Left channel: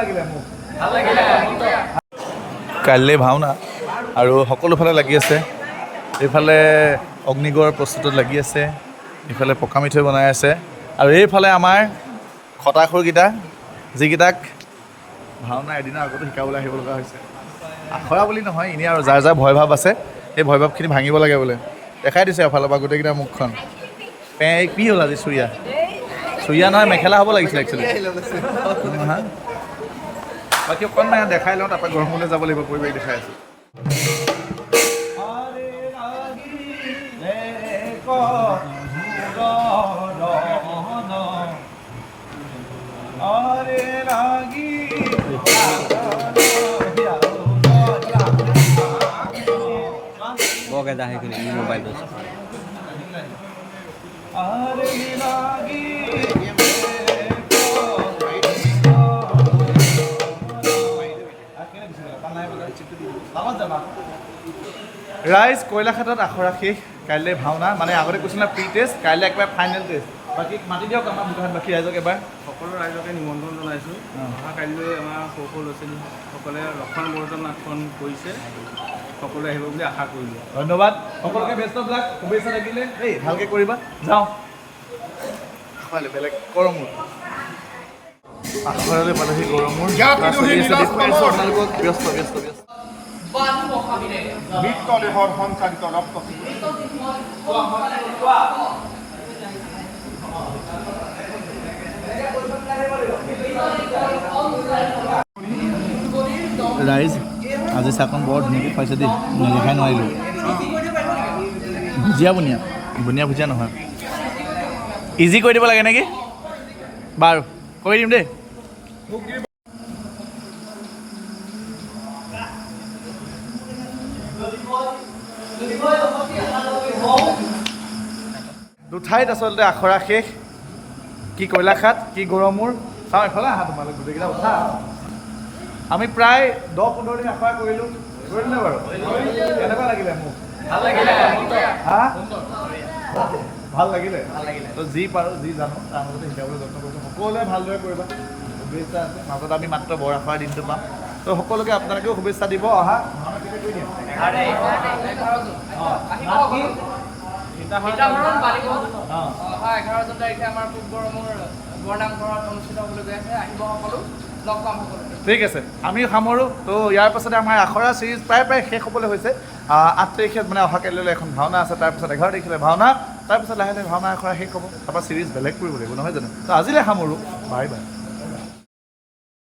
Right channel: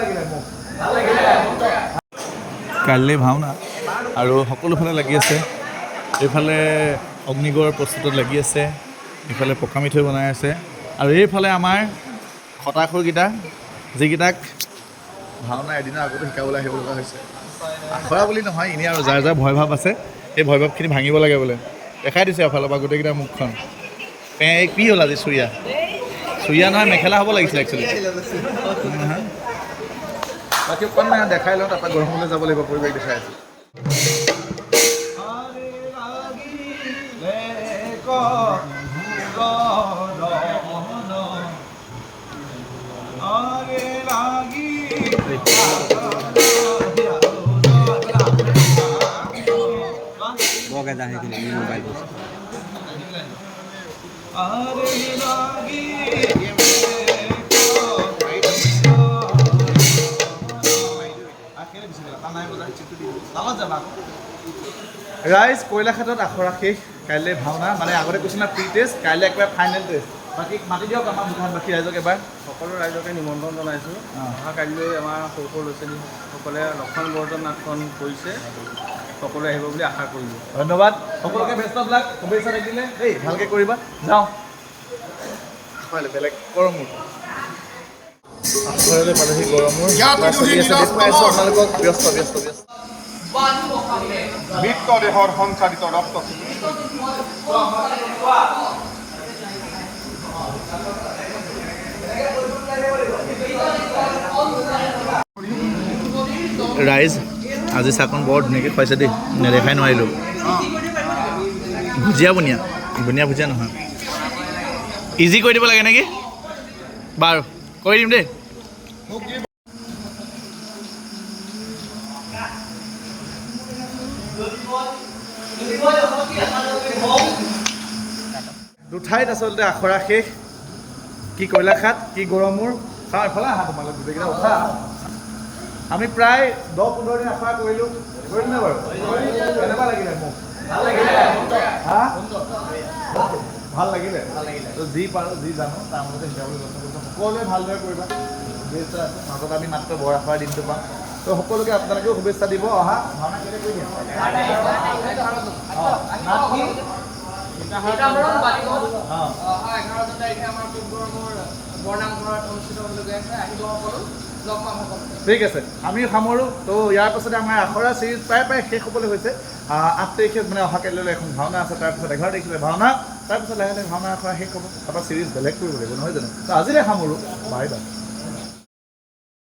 লাগিলে মোক কাইলৈ ভাওনা আৰু সকলোফালে লাগি আছে এইফালে অগ্নিগড় প্ৰস্তুতত লাগি আছে ইফালে পকা মিঠৈ বনাই আছে আৰু এইফালে আমাৰ খটাখুৰকেইটা যিকেইটাক ভাওনা এদিনৰ আগতো শিকাবলৈ আহিব লগা হৈছে আখৰা বুলি নহয় এনেই আৰু যাৰ যাৰ ভয় ভাৱ আছে সেই ভয় ভাৱখিনি ভাঙিব লাগে বোলে দেখাই দিছে এফালৰ পৰা গোটেইকেইটা মুখখন কি হ'ল আজি চুৰিয়া নহয় মেখেলা হ'ব লাগিছিলে একচুৱেলি বাকী অকণমান দেখাই লওঁ তাৰপৰা গৰমলৈ যাব লাগিব পৰিৱেশ দেখাই আছোঁ বগে যা সেইখিনি মোবাইল ৰাইজ কয়লাঘাটত আখৰা শেষ কাইলৈ ভাওনা মানে আগতে কৈছিল না প্ৰি টেষ্ট কাইলৈ একেবাৰে ফাইনেল টেষ্ট বাকী মাতি দিয়ক আমাৰ বুধানবাসী ৰাইজক এবাৰ সকলো ৰাইজকে নিমন্ত্ৰণ জনাইছোঁ অহা কাইলৈ আমাৰ সৰু সৰু ল'ৰা ছোৱালীসকলে লক্ষণ বৰ্জন নাটখন কৰিছে সকলোৱে আহিব বুলি আশা কৰিলোঁ ধন্যবাদ সকলোকে বেষ্ট অফ লাক শুভেচ্ছা থাকিলে দেই ভালকৈ কৰিবা যাওঁ বেলেগ গৰমূৰ আখৰলৈ পালেহি গৰমূৰ আপোনালোকক ব্যস্ত মৃতদেহৰ সঞ্চালিত ৰক্ত ৰাইজ আজি চাকন বৰ ধুনীয়াকৈ খুৱাইছে দেই নেদেখাই নোৱাৰিলোঁ বুনিয়া ভুজিয়া নহয় ইজি কৰি দিব লাগে নেকি বাৰু কৰি দিম দেই দুঠাইত আচলতে আখৰা শেষ কি কয়লাঘাট কি গৰমূৰ চাওঁ এইফালে আহা তোমালোক গোটেইকেইটা উঠা আমি প্ৰায় 10-15 দিন আখৰা কৰিলোঁ কৰিলোঁ বাৰু কেনেকুৱা লাগিলে মোক হা ভাল লাগিলে তো যি পাৰোঁ যি জানো তাৰ মাজতে শিকাবলৈ যত্ন কৰিছোঁ সকলোৱে ভালদৰে কৰিবা শুভেচ্ছা আছে মাজত আমি মাত্ৰ বৰ আখৰাৰ দিনটো পাম তো সকলোকে আপোনালোকেও শুভেচ্ছা দিব অহা ভাওনা কেতিয়া কৰি দিয়া অহা 11 তাৰিখে আমাৰ পূব গৰমৰ বৰনামঘৰত অনুষ্ঠিত হ'বলৈ গৈ আছে আহিব সকলো লগ পাম সকলো ঠিক আছে আমি সামৰোঁ তো ইয়াৰ পাছতে আমাৰ আখৰা চিৰিজ প্ৰায় শেষ হ'বলৈ হৈছে 8 তাৰিখে মানে অহা কাইলৈ এখন ভাওনা আছে তাৰপিছত 11 তাৰিখলৈ ভাওনা তাৰপিছত লাহে লাহে ভাওনা আখৰা শেষ হ'ব তাৰপৰা চিৰিজ বেলেগ কৰিব লাগিব নহয় জানো তো আজিলৈ সামৰোঁ বাই বাই